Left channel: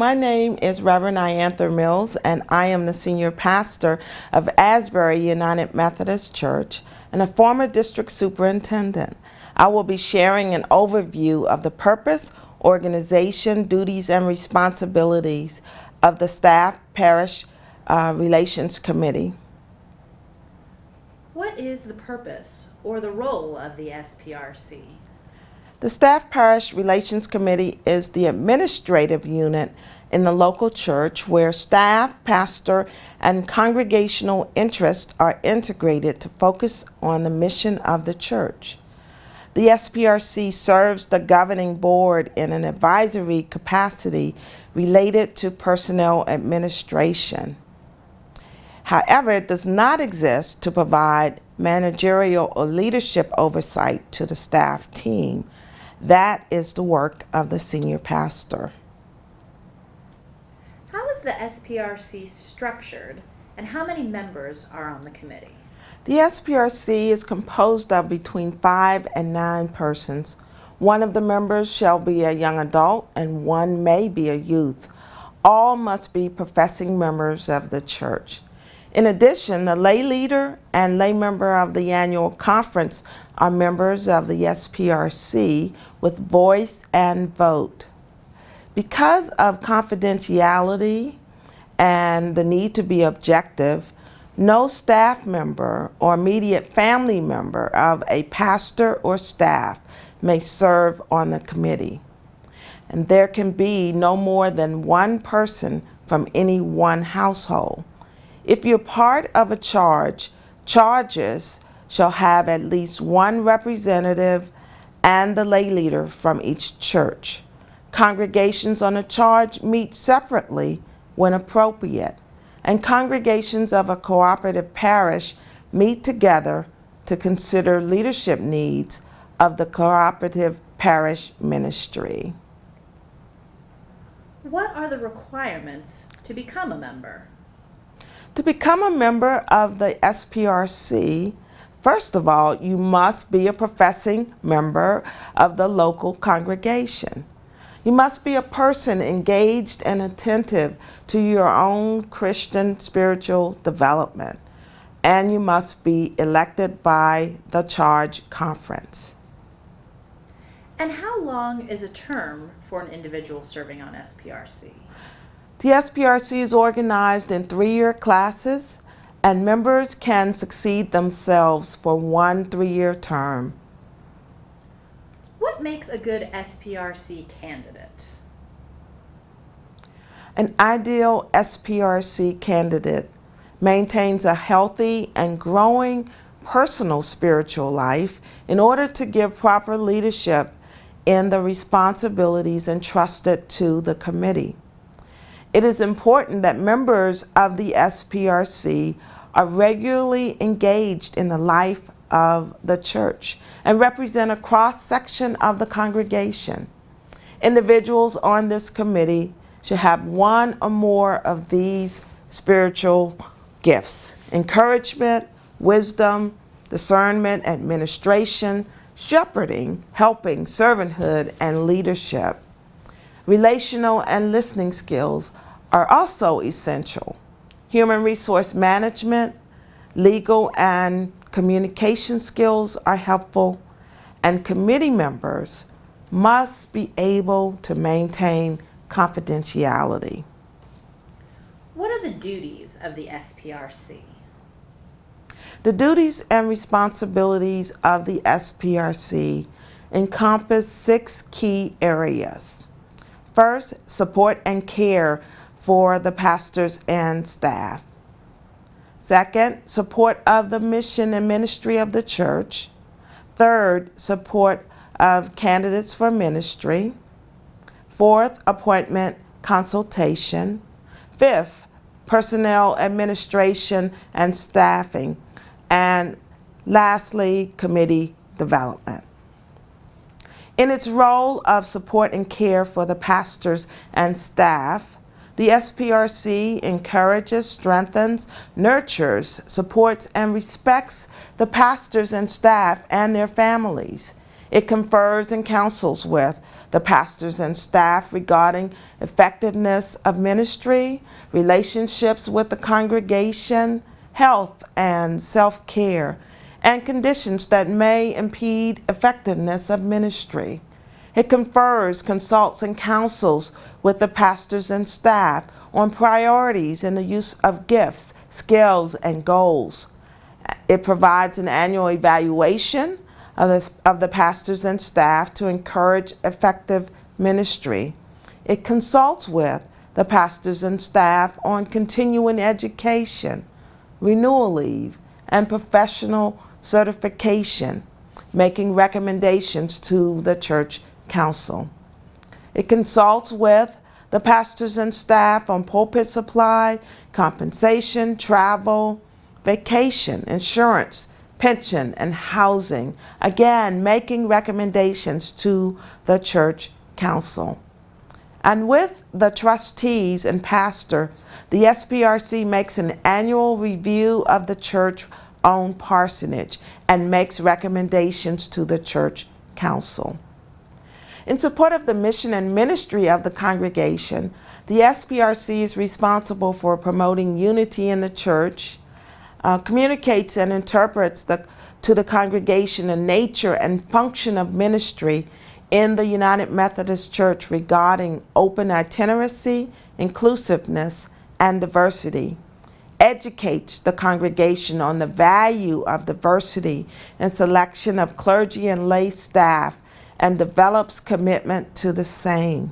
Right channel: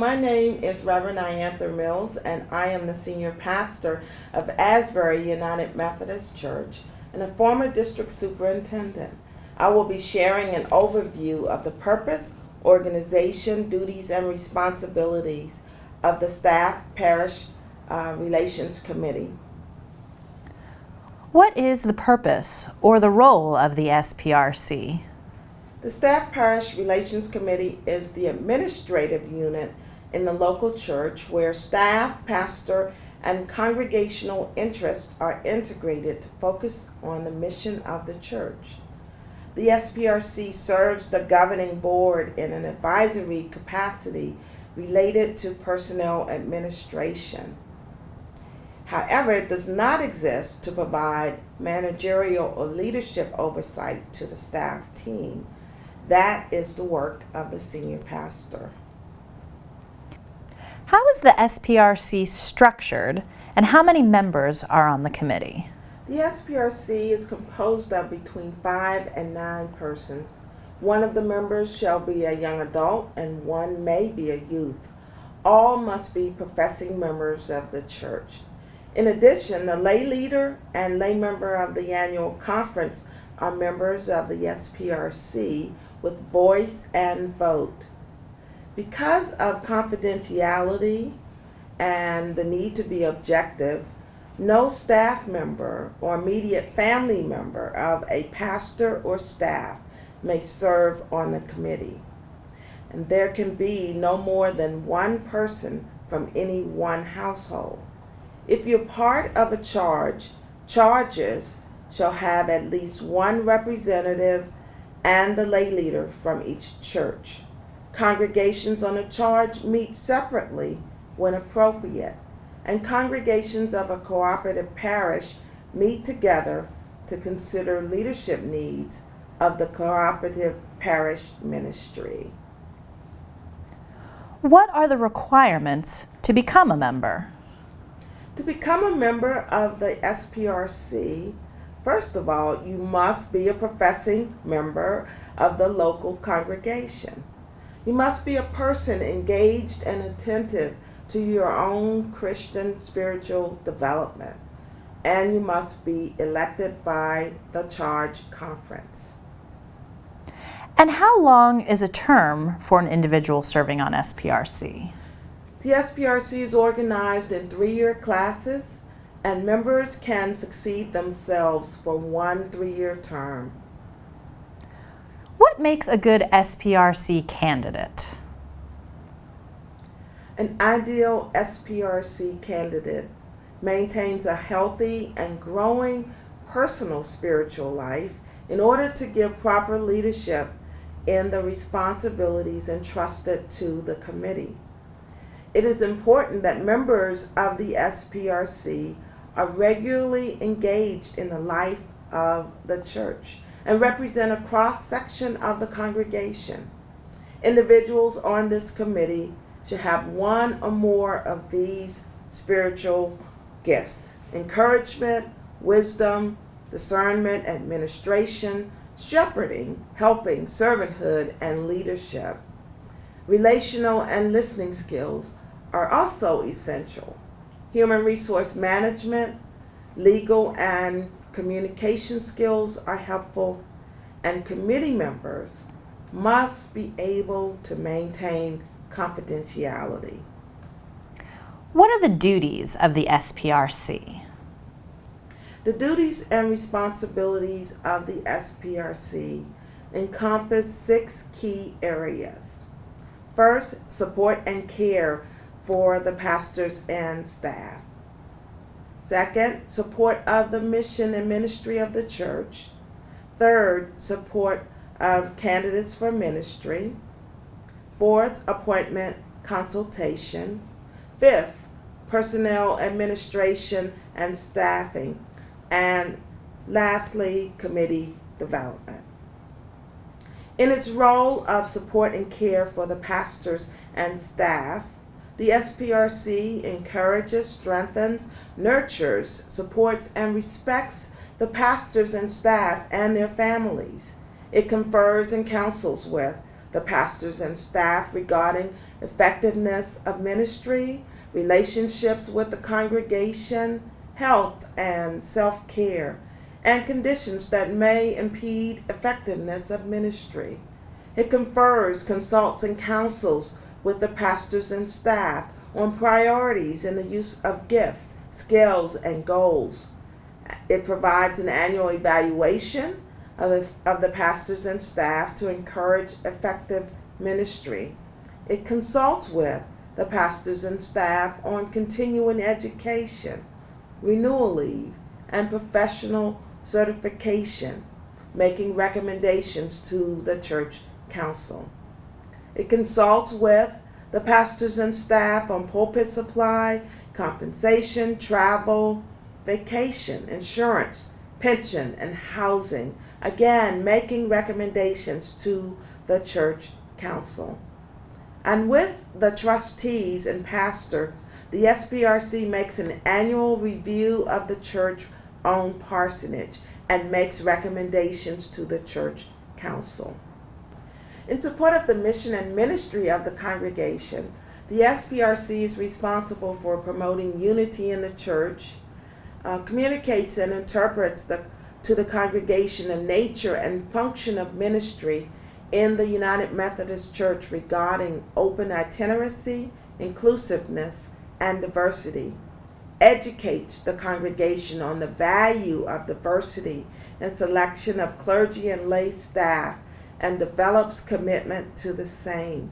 my name is Reverend Iantha Mills, and I am the senior pastor of Asbury United Methodist Church and a former district superintendent. I will be sharing an overview of the purpose, organization, duties, and responsibilities of the Staff Parish Relations Committee. What is the purpose or the role of the SPRC? The Staff Parish Relations Committee is the administrative unit in the local church where staff, pastor, and congregational interests are integrated to focus on the mission of the church. The SPRC serves the governing board in an advisory capacity related to personnel administration. However, it does not exist to provide managerial or leadership oversight to the staff team. That is the work of the senior pastor. How is the SPRC structured, and how many members are on the committee? The SPRC is composed of between 5 and 9 persons. One of the members shall be a young adult and one may be a youth. All must be professing members of the church. In addition, the lay leader and lay member of the annual conference are members of the SPRC with voice and vote. Because of confidentiality and the need to be objective, no staff member or immediate family member of a pastor or staff may serve on the committee. And there can be no more than one person from any one household. If you're part of a charge, charges shall have at least one representative and the lay leader from each church. Congregations on a charge meet separately when appropriate, and congregations of a cooperative parish meet together to consider leadership needs of the cooperative parish ministry. What are the requirements to become a member? To become a member of the SPRC, first of all, you must be a professing member of the local congregation. You must be a person engaged and attentive to your own Christian spiritual development, and you must be elected by the charge conference. And how long is a term for an individual serving on SPRC? The SPRC is organized in 3-year classes, and members can succeed themselves for 1 3-year term. What makes a good SPRC candidate? An ideal SPRC candidate maintains a healthy and growing personal spiritual life in order to give proper leadership in the responsibilities entrusted to the committee. It is important that members of the SPRC are regularly engaged in the life of the church and represent a cross-section of the congregation. Individuals on this committee should have one or more of these spiritual gifts: encouragement, wisdom, discernment, administration, shepherding, helping, servanthood, and leadership. Relational and listening skills are also essential. Human resource management, legal and communication skills are helpful, and committee members must be able to maintain confidentiality. What are the duties of the SPRC? The duties and responsibilities of the SPRC encompass 6 key areas. First, support and care for the pastors and staff. Second, support of the mission and ministry of the church. Third, support of candidates for ministry. Fourth, appointment consultation. Fifth, personnel administration and staffing. And lastly, committee development. In its role of support and care for the pastors and staff, the SPRC encourages, strengthens, nurtures, supports, and respects the pastors and staff and their families. It confers and counsels with the pastors and staff regarding effectiveness of ministry, relationships with the congregation, health and self-care, and conditions that may impede effectiveness of ministry. It confers, consults, and counsels with the pastors and staff on priorities in the use of gifts, skills, and goals. It provides an annual evaluation of the pastors and staff to encourage effective ministry. It consults with the pastors and staff on continuing education, renewal leave, and professional certification, making recommendations to the church council. It consults with the pastors and staff on pulpit supply, compensation, travel, vacation, insurance, pension, and housing, again, making recommendations to the church council. And with the trustees and pastor, the SPRC makes an annual review of the church-owned parsonage and makes recommendations to the church council. In support of the mission and ministry of the congregation, the SPRC is responsible for promoting unity in the church, communicates and interprets to the congregation the nature and function of ministry in the United Methodist Church regarding open itinerancy, inclusiveness, and diversity, educates the congregation on the value of diversity in selection of clergy and lay staff, and develops commitment to the same.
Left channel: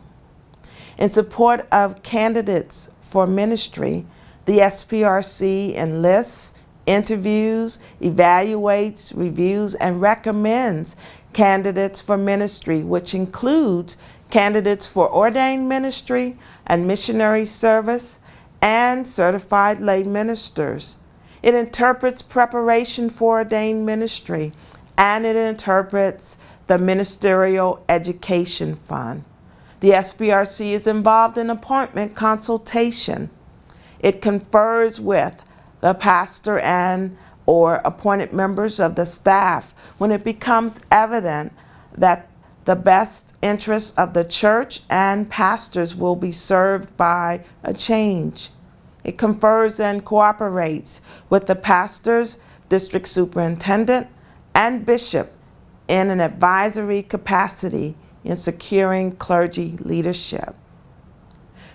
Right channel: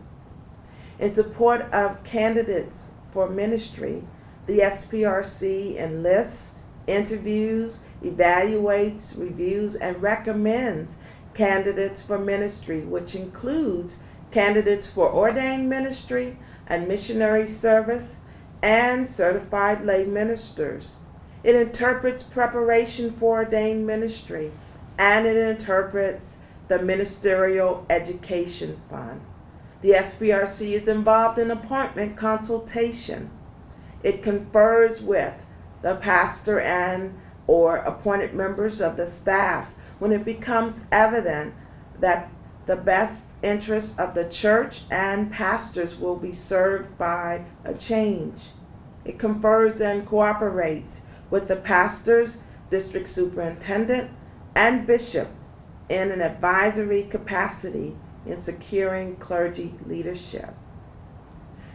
In support of candidates for ministry, the SPRC enlists, interviews, evaluates, reviews, and recommends candidates for ministry, which includes candidates for ordained ministry and missionary service and certified lay ministers. It interprets preparation for ordained ministry, and it interprets the Ministerial Education Fund. The SPRC is involved in appointment consultation. It confers with the pastor and or appointed members of the staff when it becomes evident that the best interests of the church and pastors will be served by a change. It confers and cooperates with the pastors, district superintendent, and bishop in an advisory capacity in securing clergy leadership.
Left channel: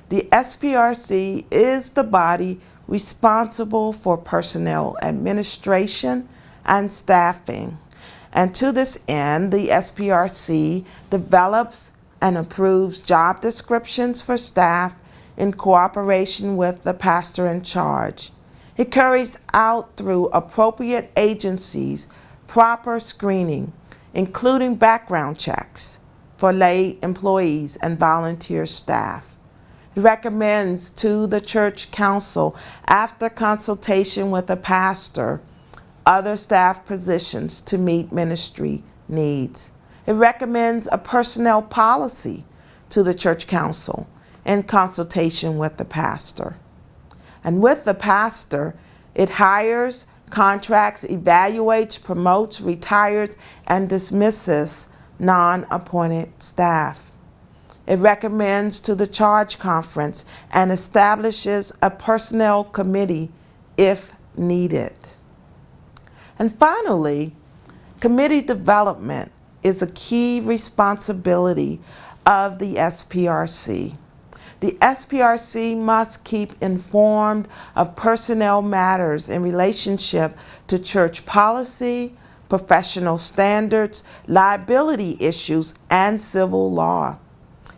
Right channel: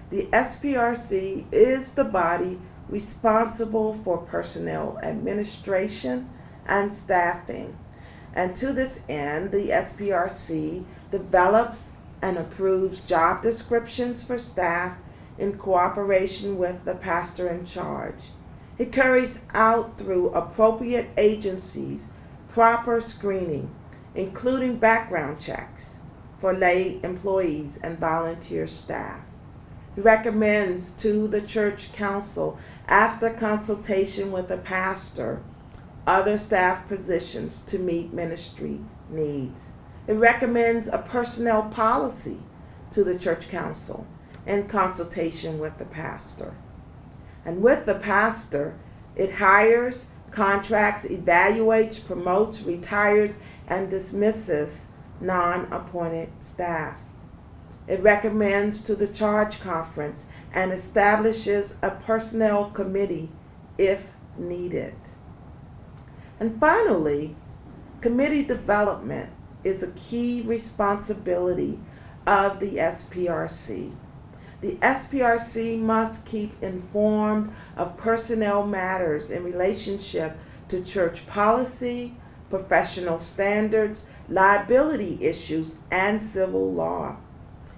The SPRC is the body responsible for personnel administration and staffing. And to this end, the SPRC develops and approves job descriptions for staff in cooperation with the pastor in charge. It carries out through appropriate agencies proper screening, including background checks for lay employees and volunteer staff. It recommends to the church council, after consultation with the pastor, other staff positions to meet ministry needs. It recommends a personnel policy to the church council in consultation with the pastor. And with the pastor, it hires, contracts, evaluates, promotes, retires, and dismisses non-appointed staff. It recommends to the charge conference and establishes a personnel committee if needed. And finally, committee development is a key responsibility of the SPRC. The SPRC must keep informed of personnel matters in relationship to church policy, professional standards, liability issues, and civil law.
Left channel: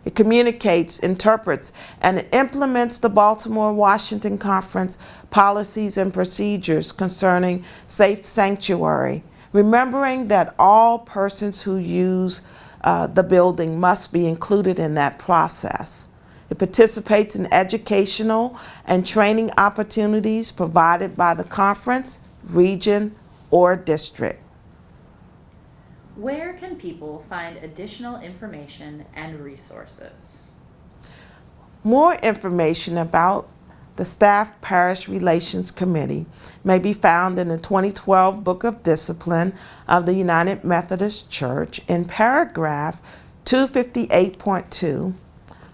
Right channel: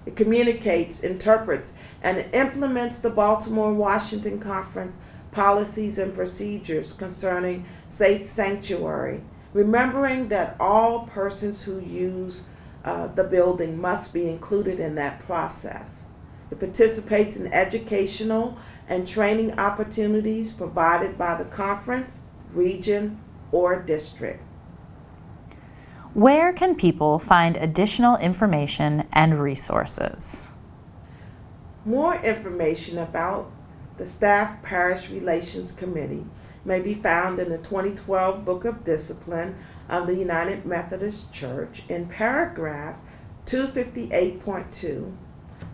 It communicates, interprets, and implements the Baltimore-Washington Conference policies and procedures concerning safe sanctuary, remembering that all persons who use the building must be included in that process. It participates in educational and training opportunities provided by the conference, region, or district. Where can people find additional information and resources? More information about the Staff Parish Relations Committee may be found in the 2012 Book of Discipline of the United Methodist Church in paragraph 258.2,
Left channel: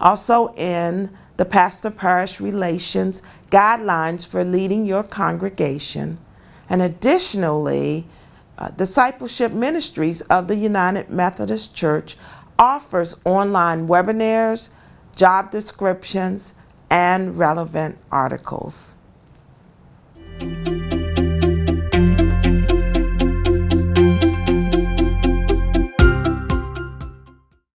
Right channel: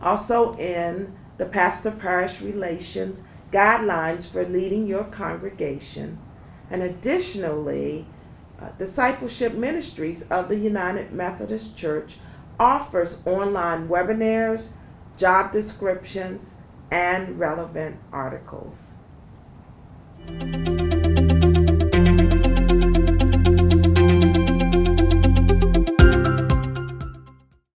also in the Pastor-Parish Relations Guidelines for Leading Your Congregation, and additionally, Discipleship Ministries of the United Methodist Church offers online webinars, job descriptions, and relevant articles.